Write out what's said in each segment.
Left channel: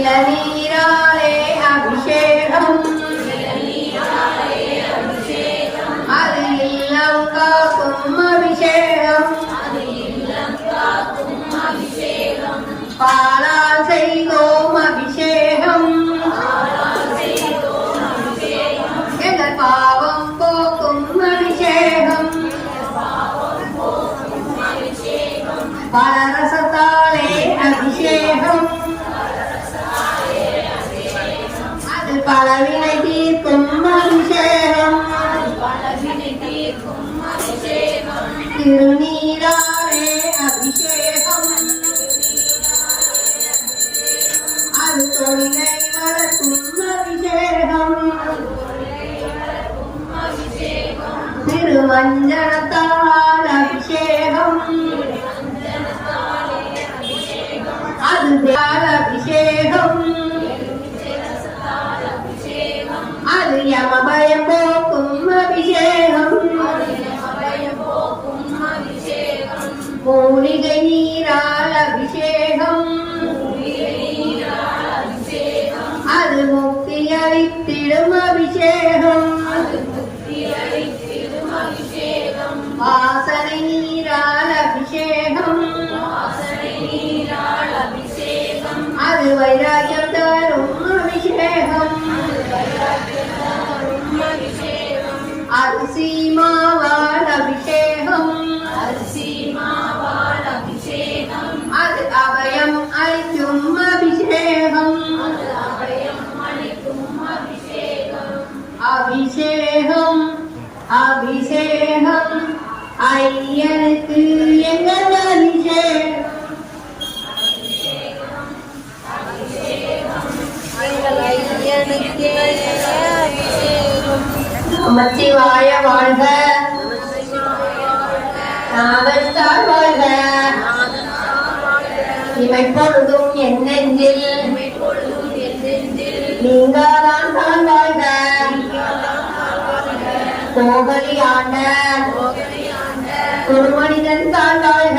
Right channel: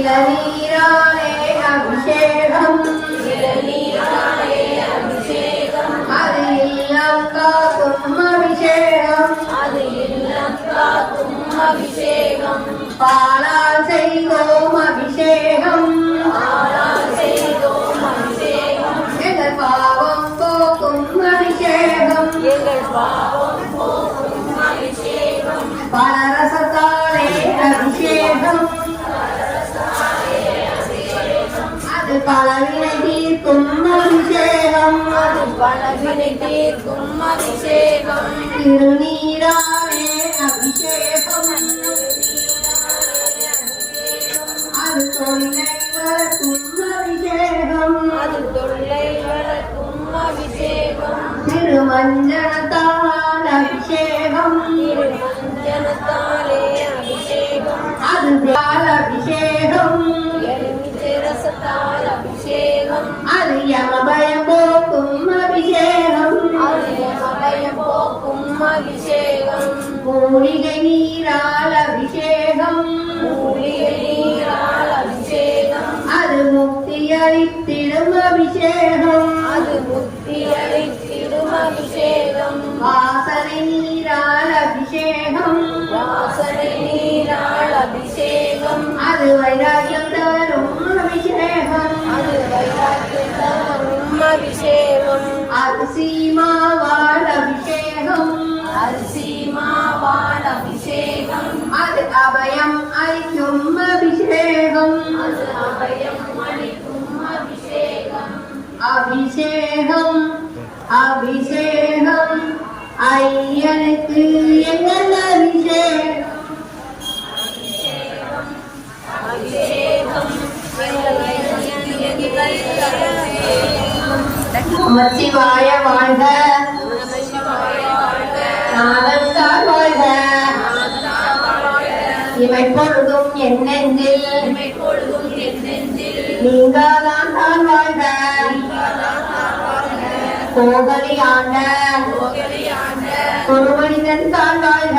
இளநீராலே அபிஷேகம் அது இல்லம் காக்கும் அபிஷேகம் பாலால் செய்தோம் அபிஷேகம் எங்கள் பாவம் போக்கும் அபிஷேகம் பலரசத்தாலே அபிஷேகம் அது பலவினை தீர்க்கும் அபிஷேகம் திருநீராலே அபிஷேகம் அது தொழிலை வளர்க்கும் அபிஷேகம் திருமஞ்சனத்தால் அபிஷேகம் அது அபிஷேகம் அது யமபயம் போக்கும் அபிஷேகம் மூலிகை நீரால் அபிஷேகம் அது முக்தி அளித்திடும் அபிஷேகம் வாசனை நீரால் அபிஷேகம் அது வைராக்கியம் தரும் அபிஷேகம் அரிசி மாவால் அபிஷேகம் அது அபயம் அளிக்கும் அபிஷேகம் அபிஷேகம் ஐயனுக்கு எங்கள் அபிஷேகம் நமச்சிவாய வாழ்க நாவல்தார் வாழ்க இமைப்பொழுதும் என் நெஞ்சில் நீங்காதான் தான் வாழ்க கோகலி ஆண்ட ஒரு மனிதன் தான் வாழ்க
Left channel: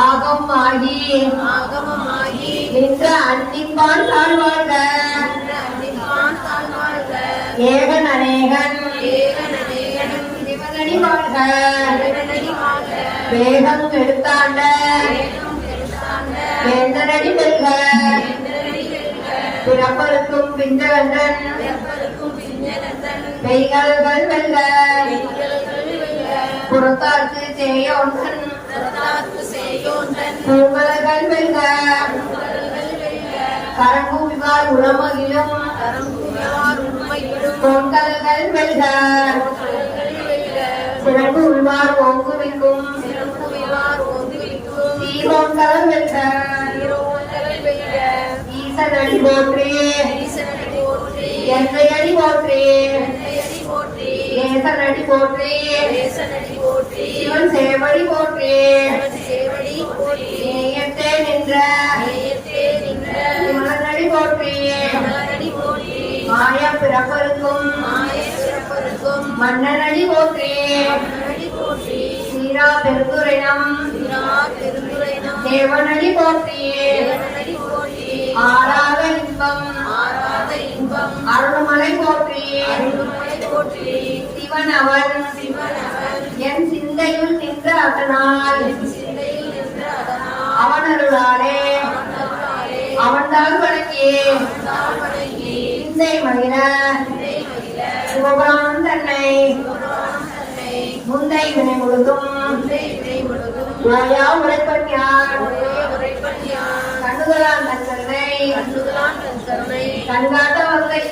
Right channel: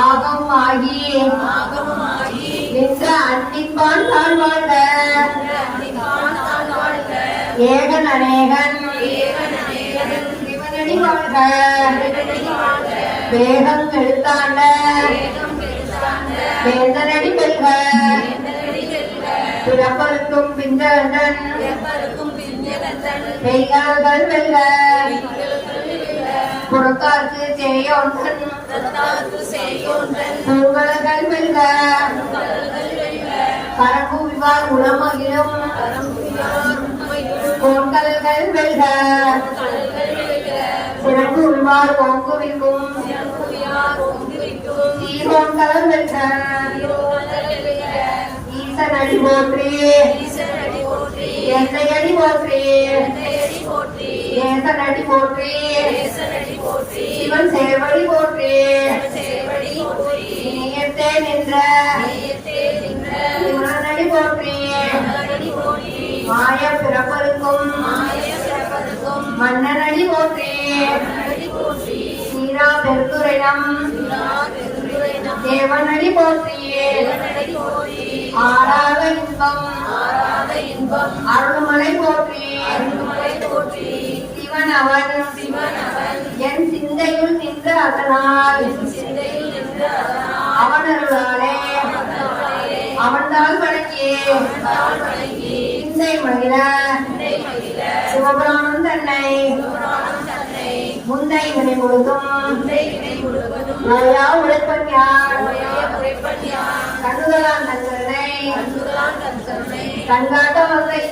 ஆகம் ஆகி நின்ற அன்னிப்பான் தான் வாழ்க ஏகன் அநேகன் சிவனடி வாழ்க வேகம் எடுத்தாண்ட வேந்தனடி வெல்க பிறப்பருக்கும் பிந்தவந்தன் மெய்கால்கள் வெல்க புறத்தார்க்கு செய்யோன்றன் பூங்கலர்கள் வெல்க கரம்பூவிவார் உளமகிலும் பொங்கல்கள் வெல்க சிறப்பு உள்வார் ஓங்குவிக்கும் சீரோன்கள் வெல்க ஈசனடி போற்றி எந்தையடி போற்றி ஏசனடி போற்றி சிவன் சேவடி போற்றி நீயத்தே நின்ற சிவனடி போற்றி மாய பிறப்பருக்கும் மன்னனடி போற்றி சீரா பெருந்துரையம் தேவனடி போற்றி ஆடாத இன்பம் அருள்மலை போற்றி சிவன் அவன் என் சிந்தையுள் நின்ற அதனால் அவனருளாலே அவன்தான் வணங்கி சிந்தை மகிழ சிவபுராணம் தன்னை முந்தை வினை முழுதும் உரைப்பன்யான் கண்ணுதலான் தன்னை கண்காட்ட மக்கள்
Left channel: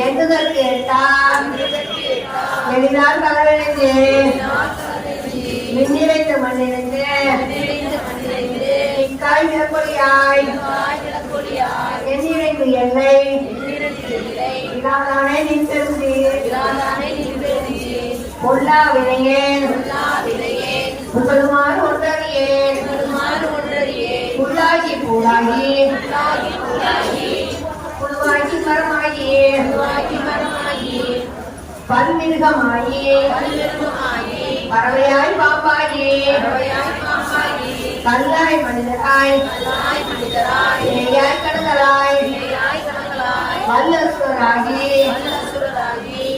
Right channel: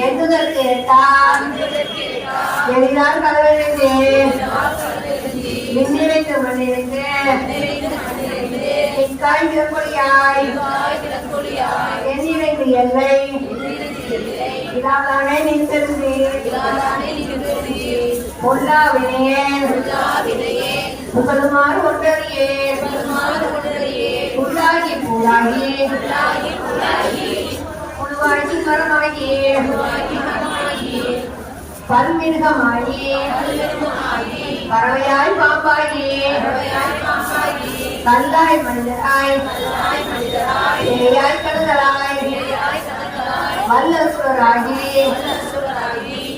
எங்குதல் கேட்டால் எளிதால் கலவெழுந்து மின்னிறைந்த மண்ணிறைந்து இக்காய் இறப்பொழியாய் எண்ணிறைந்து எல்லை இதாதானே நின்றது முல்லா வினையேன் புகழுமாறு ஒன்றறியேன் புல்லாகி பூலாகி புழுவாகி மரமாகி பல்மிருகமாகி பறவையாய் பாம்பாகி கல்லாய் மனிதராய் ஏயாய் கடலாய் வல்லசுவராகி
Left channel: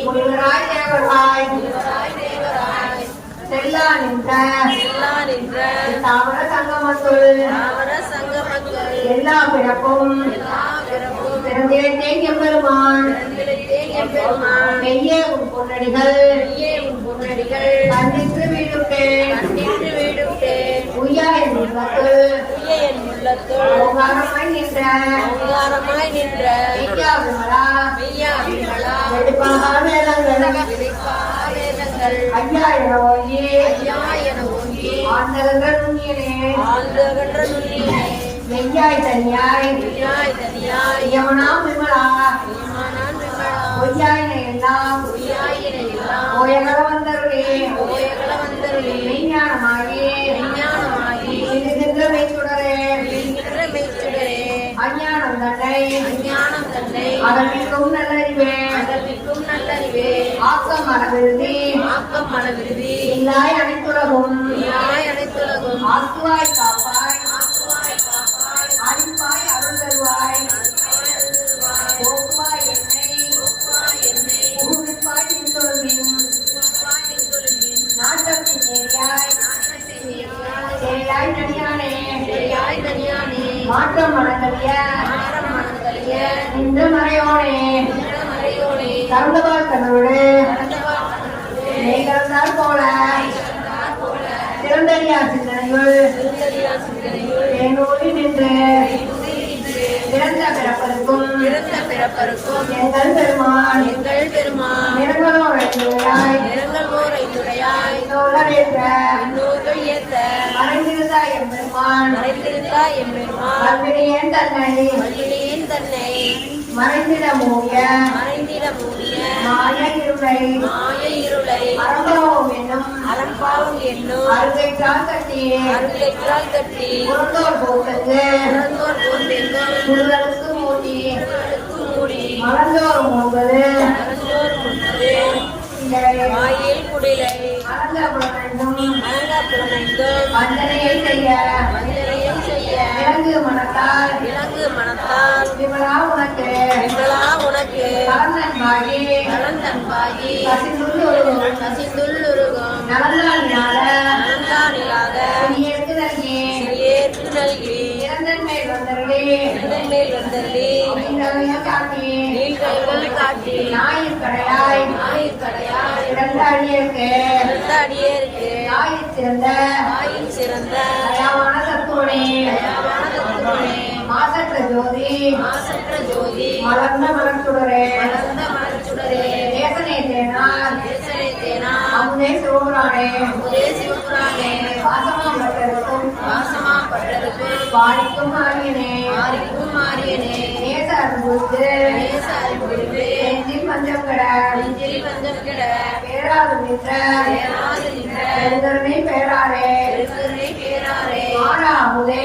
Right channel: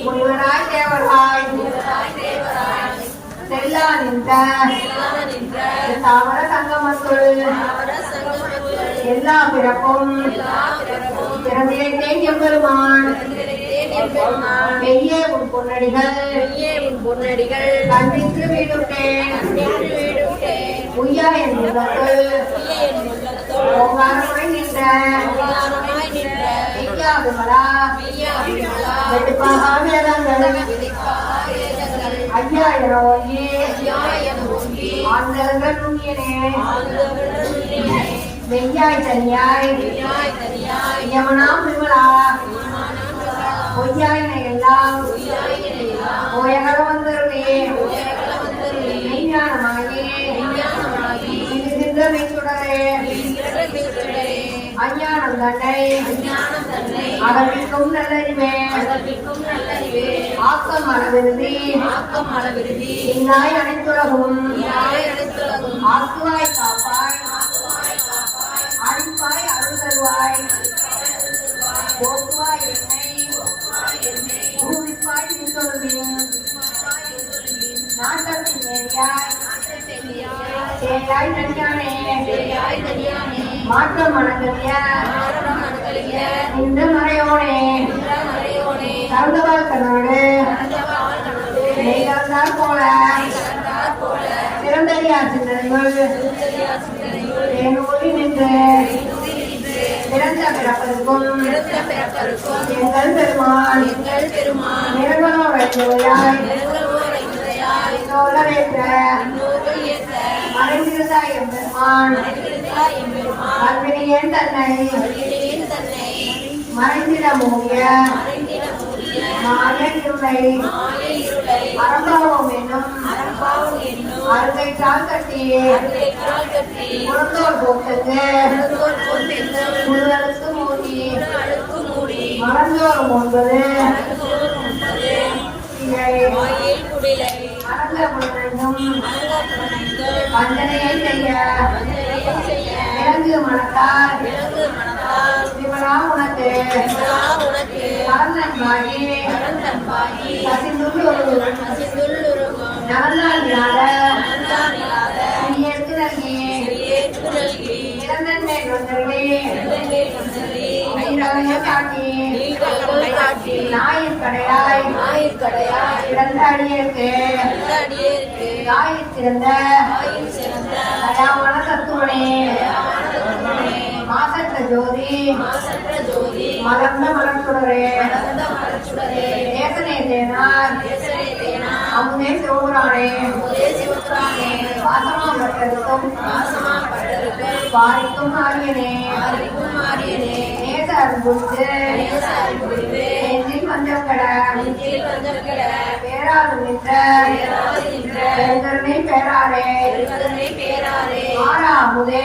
முனிவராய் தேவராய் செல்லா நின்ற தாமர சங்கமத்துள் எல்லா பிறப்பும் பிறந்திருந்தேன் எம்பெருமான் மெய்யே உன் பொன்னடிகள் கண்டித்து வீடுட்டேன் உய்யா என் உள்ளத்து ஓங்காரமாய் நின்ற மெய்யா விமலா எடுப்பாக வேதங்கள் ஐயா என ஓங்கி ஆண்டவர்கள் நுண்ணியனே மெய்யாய் தனியாய் யமனா விமலா பொய்யாய் எல்லாம் ஓயகர வந்தருளே மெய்ஞானமாகி சிந்துகின்ற மெய்ச்சுடரே அஞ்ஞானம் தன்னை அகற்றிக்கும் நல்லறிவே ஆக்கம் மனவிருதி இல்லாய் அனைத்துலகும் ஆக்குவாய் காப்பாய் அழிப்பாய் அருள் தருவாய் போக்குவாய் என்னை ஊழிப்பாய் நின்றொழுமின் நாட்டத்தின் நேரியாய் சேயாய் தனியானே மாற்றம் மனக்கரிய இந்த மறையோனே கருந்தவா கண்ணோடு மேகந்தால் போல சிறந்தடியார் சிந்தனைகள் என்னோடு நின்று பிறந்த பிறப்பதற்கும் எங்கள் பெருமாள் நிர்மலோ வைத்துறையாய் மறைந்திருந்தாய் என் பெருமான் அவ்வினையேன் தன்னை மறைந்திட மூடிய மாய இருளை அறம்பாவம் என்னும் அருகைக்கால் கட்டியே புறந்தோர் போக்கது புல்களுக்கு மூடி மறந்தோர் மூன்றது வந்தனையை செய்ய விலங்கு மனத்தால் விமலா உனக்கு கலந்தன்பாகி கசிந்துள்ளுருகும் நலந்தால் இல்லாத சிறியற்கு நல்கி இறந்தன்மை வந்தருளே காட்டி ஞாயிற் கடையாய் இறந்த அடியேற்கு ஞாயிற் சிறந்த தயாமான தத்துவனே மாசற்ற ஜோதி மலர்ந்த மலர்ச்சுடரே நேசனே தேனார் அமுதே சிவபுராணே வாசமா பட்டருக்கும் வாரிக்கும் ஆரியனே நேச அன்புக்கு நெஞ்சில் பஞ்சம் கட பேராது நின்ற பெருந்தருணை பேராரே ஆரா அமுதே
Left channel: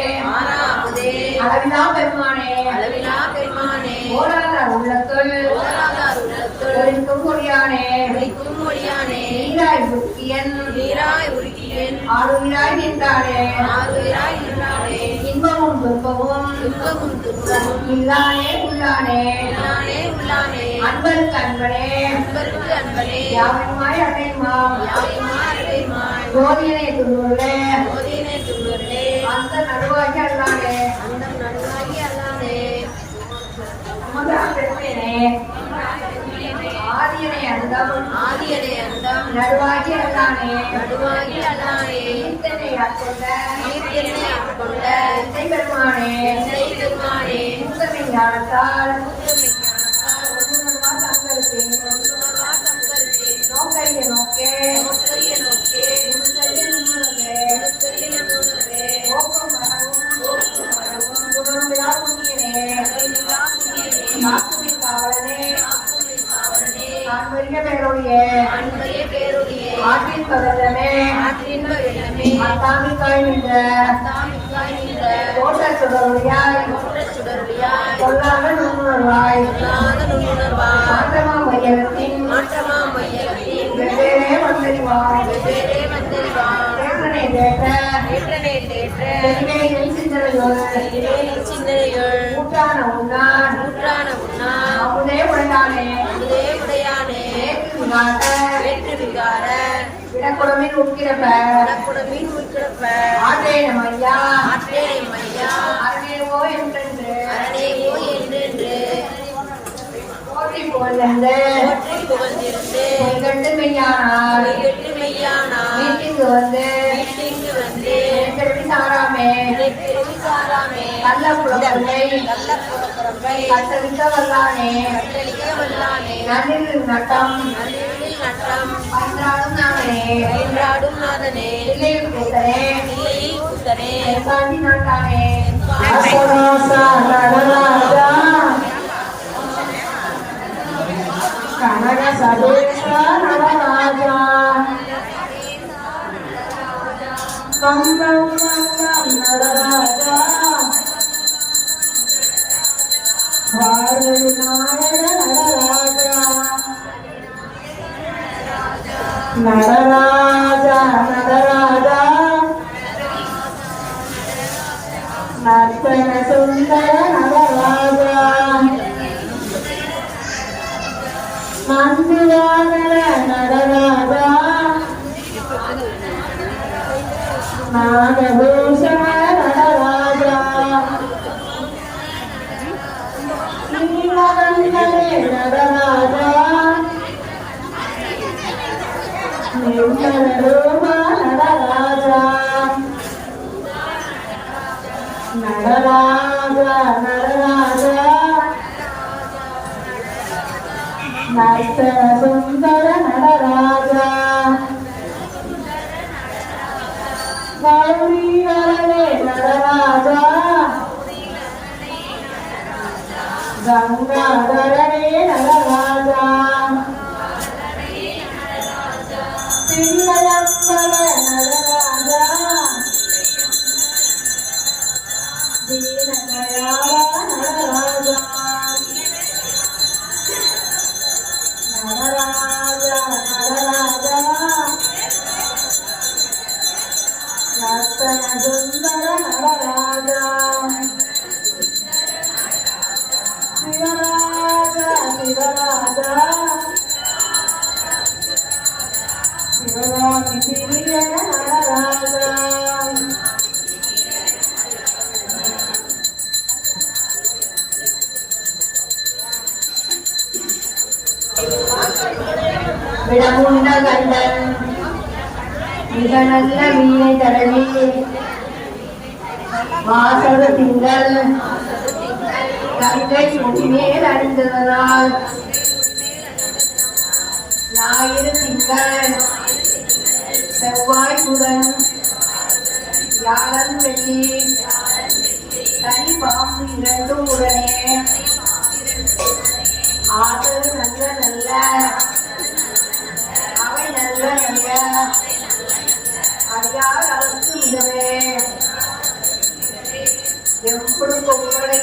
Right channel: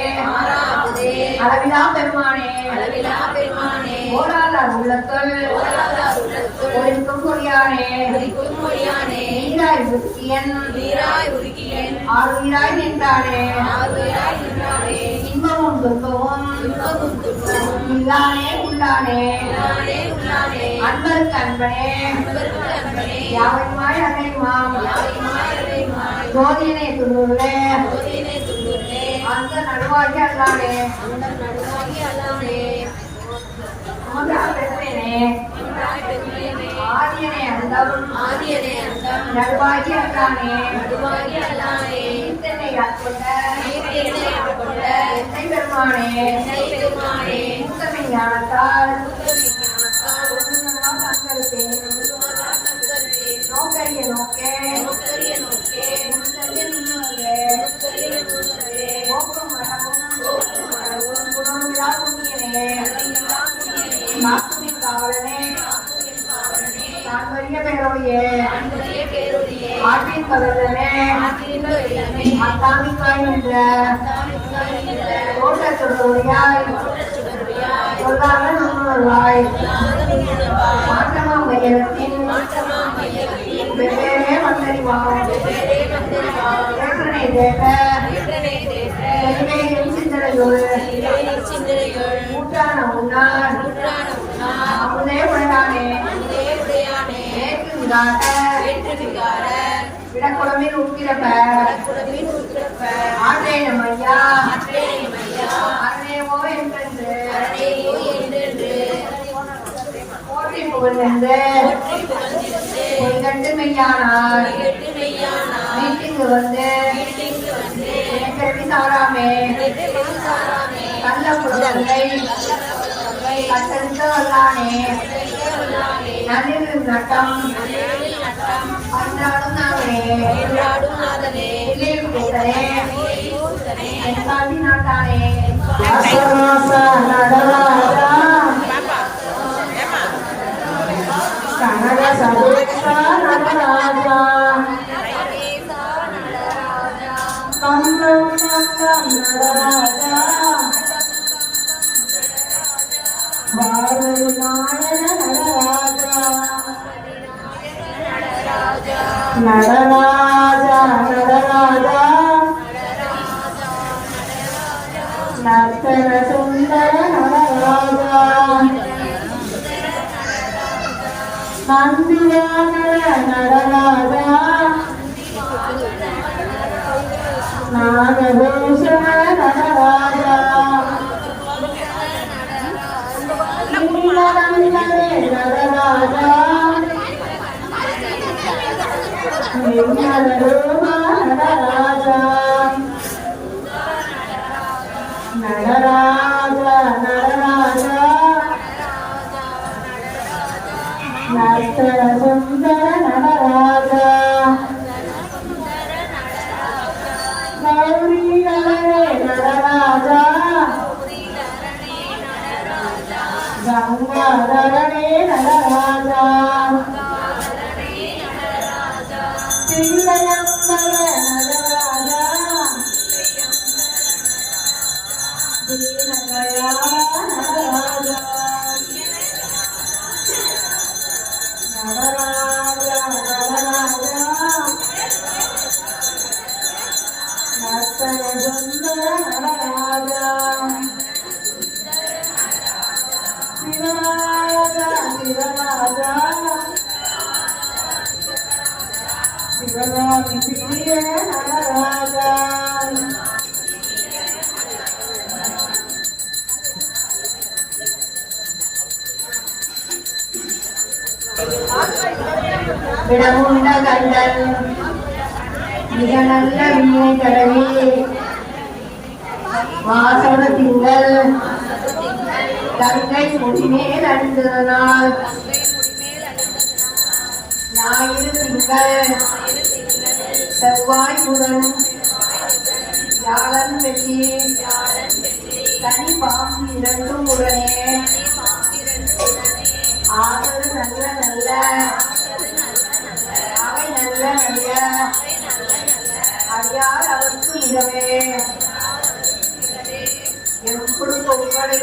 அளவிலா பெருமானே ஓராதார் உள்ளத்துள் ஒளிக்கும் கொடியானே நீராய் உருக்கியன் ஆளுயிராய் நின்றானே இன்பமும் துன்பமும் இல்லானே உள்ளானே அன்பருக்கு அன்பனே யாவையுமாய் அடையுமாம் கோதியனை துள்ளுள்ளே அந்த நடுவாகி அல்லானே ஆதியனை அந்தம் நடுவாகி அல்லானே இத்தனை ஆட்கொண்ட எத்தை பெருமானே முத்தமை ஞானத்தால் நோக்கரிய நோக்கே நோக்கம் வரவும் குணமிலா புண்ணியனே மாத்துவின் காவலனே நான் வரிய பேரோடியே ஆற்றின் பகலமே அத்தாமிக்காய் என்ற தோட்ட சுடருடையாய் சொல்லாத நுண்ணுணர்வாய் மாற்றமா மையத்தின் வெவ்வேறே மந்தறிவாம் தேற்றனை தேற்ற எளிமையில் சிந்தனையோடு ஊற்றான உண்ணார் அமுதே உடையானே விடக்குடமில் உட்கிறப்ப ஆற்றேயம் ஐயா அரணேவோ என்றென்று போற்றி புகழ்ந்து பொய்கண்டு மெய்யானார் வீட்டுக்கு வந்து சாராமே கள்ள புடவை கத்தரித்த வல்லானே நளிர் நட்டம் அன்றாடும் நாதனே கூத்தரே பாண்டி நாட்டானே கனக சதேஷ நடராஜா கம்பம் நடராஜா வாழ்நாயக நடராஜா நடராஜா நடராஜா நர்த்தன சுந்தர நடராஜா நந்திவான நடராஜா நாகபூஷண நடராஜா நடராஜா நடராஜா நடராஜா நடராஜா நர்த்தன சுந்தர நடராஜா கௌரிகரே நடராஜா கங்காதரனே நடராஜா தில்லயம்பர நடராஜா தீனதயா நடராஜா நடராஜா நடராஜா நர்த்தன சுந்தர நடராஜா சிவராஜா சிவராஜா சிவராமி பிரிய நடராஜா விடமுண்ட கண்டன் மிக நல்ல வீணை தடவி வாசக திங்கள் கங்கை முடிமேல் அணிந்ததனால் ஞாயிறு திங்கள் செவ்வாய் புதன் வியாழன் வெள்ளி தனி பாம்பு இரண்டும் உடனே ஆற்றல் நல்ல நல்ல அவை நல்ல நல்ல அறியார் அவருக்கு மிகவே எப்படி பொங்கலை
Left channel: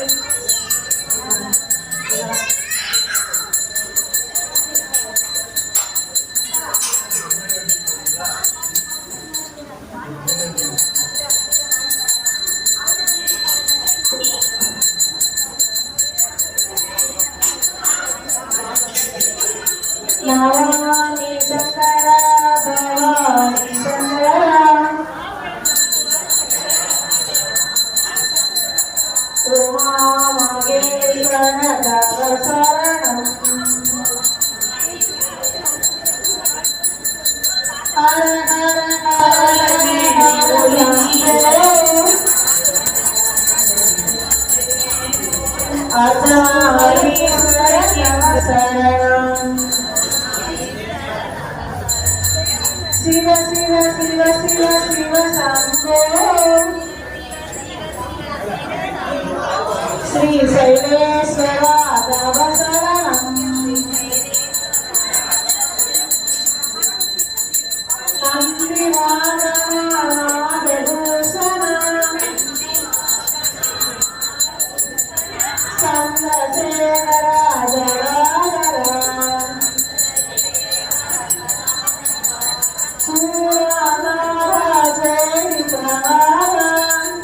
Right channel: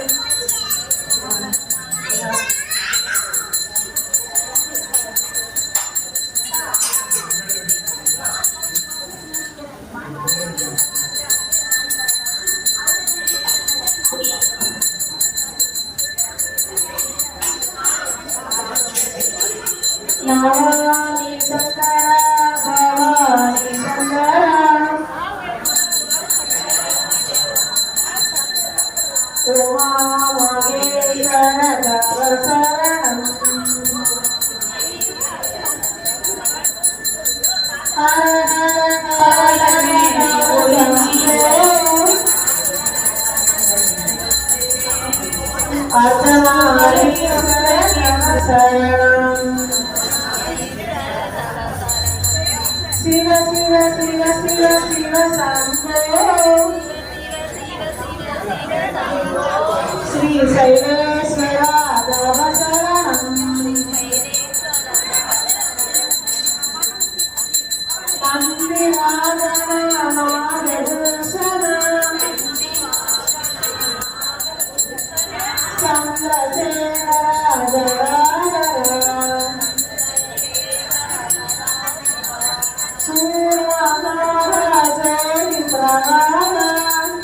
நாராயணி சங்கர பவானி சங்கர உமா மகேஸ்வர தவ சரணம் ஹர ஹர சரணம் சிவ சிவ சிவ சிவ சிவ சம்போ ஸ்ரீ சைலேஸ்வர தவ சரணம் நந்தி வாகன நாகபூஷணம் சந்திரசேகர ஜடாதரன் சூரநாத ஜெயத்ரநாதன்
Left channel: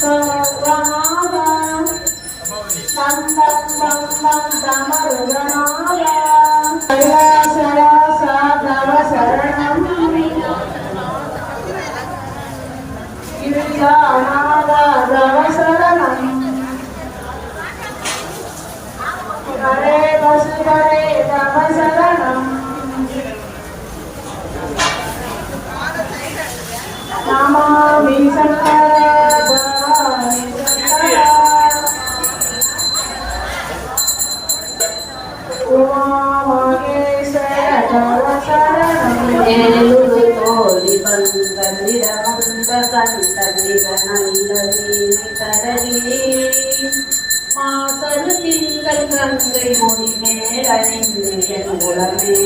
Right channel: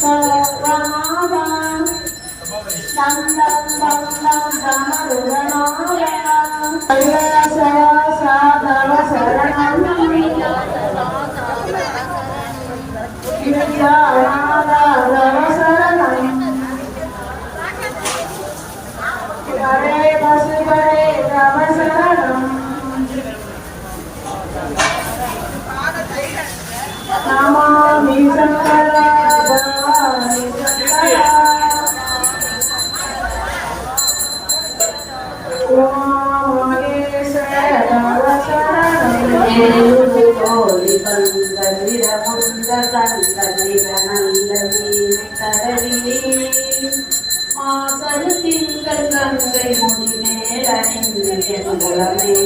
சர்வநாதா சந்தம் பந்தம் சமருதநாய சயா சாதவ சரணம் கிருஷ்ணநாதா தவ சரணம் ஹரே வசுதே தவ சரணம் நமாமி சங்கர நமாமி சங்கர ஏழுது தோழி பந்தலிட முன்ப கண்டலிட நல்லதி தரவி மாசரு திங்கள் கங்கை முடி மேலணிந்து உலமே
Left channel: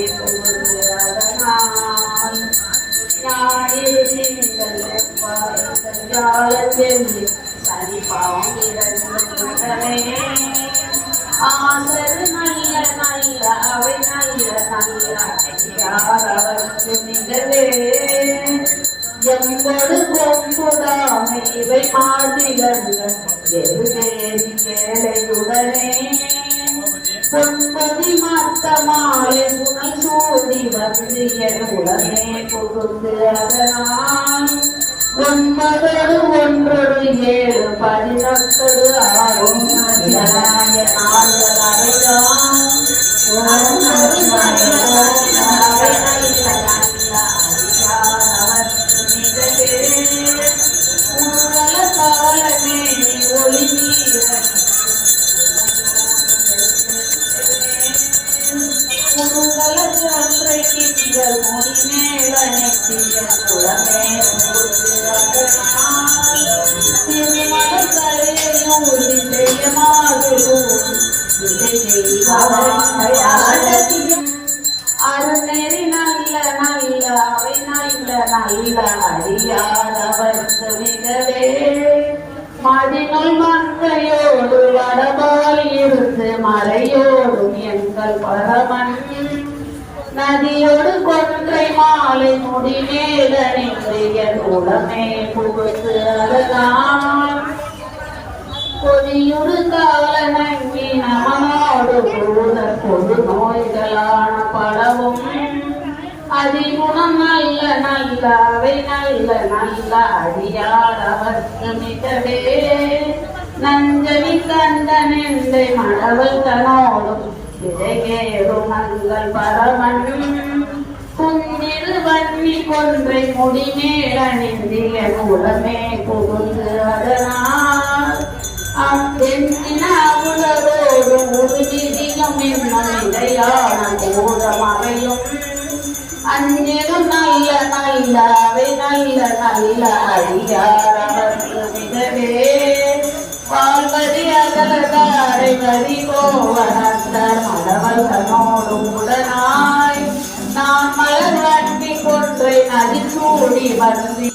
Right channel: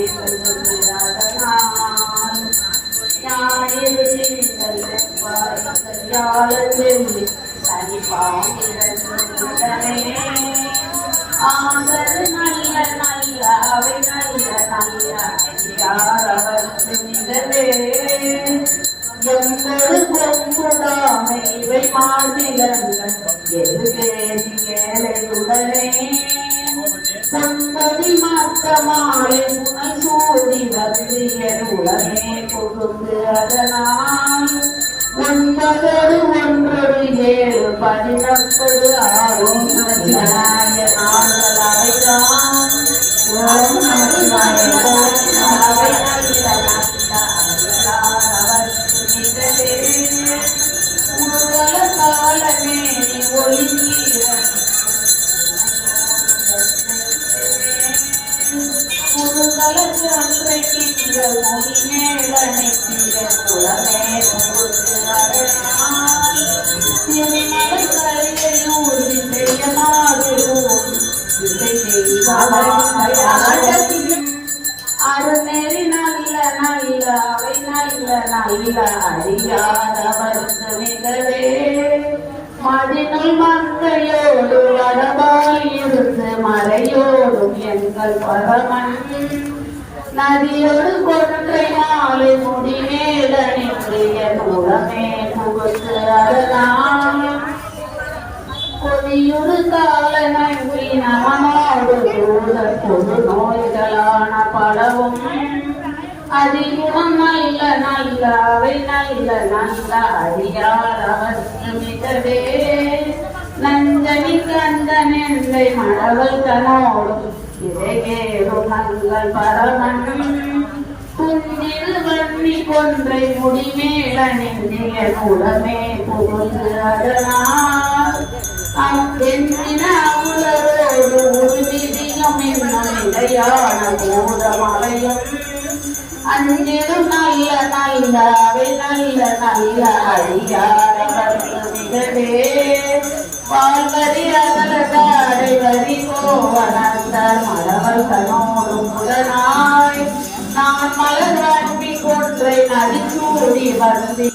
ஞாயிறு திங்கள் செவ்வாய் சனி பாவமே ஆசரு நல்ல நல்ல அவை நல்ல நல்ல யாரவர்க்கு மிகவே எங்களது கொம்புதாமை இவை மாநிலங்கள் ஏழையுடனே பொன்பதி மத்தமாலை புனல் சூடி வந்து என் உடனே புகுந்து அதனால் 9 1 7 19 ஆகும் ஜனாய நாள்களாய்தான் காலமே ஒளிவீரன் ஒன்றை கிட்டிகள் முடிமேலனை குளமே அருநெறி நல்ல நல்ல அவை நல்ல நல்ல அறியாதவர்க்கு மிகவே மதினுள் மங்கையோடு வடபால் இருந்து மலையோடும் எங்கள் பரமன் நதியோடு கொன்றை மாலை முடிமேல நின்று என் உடமே புகுத்து அதனால் கொடியுடு கால நம்பி நமனோடு கூட பொது நோய்களான பலவும் அதிகுணம் நல்ல நல்ல அவை நல்ல நல்ல அறியாதவர்க்கு மிகவே நஞ்சனி கந்தன் எந்தை மடவல் தனோடும் இதையேறும் மங்கள் பரமன் குந்தில் வன்னி கொன்றை முடிமேல நெஞ்சிய உடமே புகுந்து அதனால் அத்தெந்தின உலகோடு உறுதியும் என்னும் இடையான கூடமவையும் அஞ்சிடும் நல்ல நல்ல அவை நல்ல நல்ல அறியாரவர்க்கு மிகவே பால்வரி அகலதாரை வரி கோவனந்தர் மரவல் தனோடும் உடனாய் நான் மலர் வண்டி கொன்றை நதிச்சூடி வந்தி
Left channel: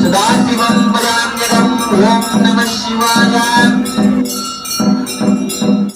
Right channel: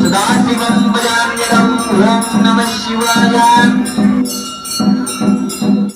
Sudasivam Bhajanyaram Om Namah Shivaya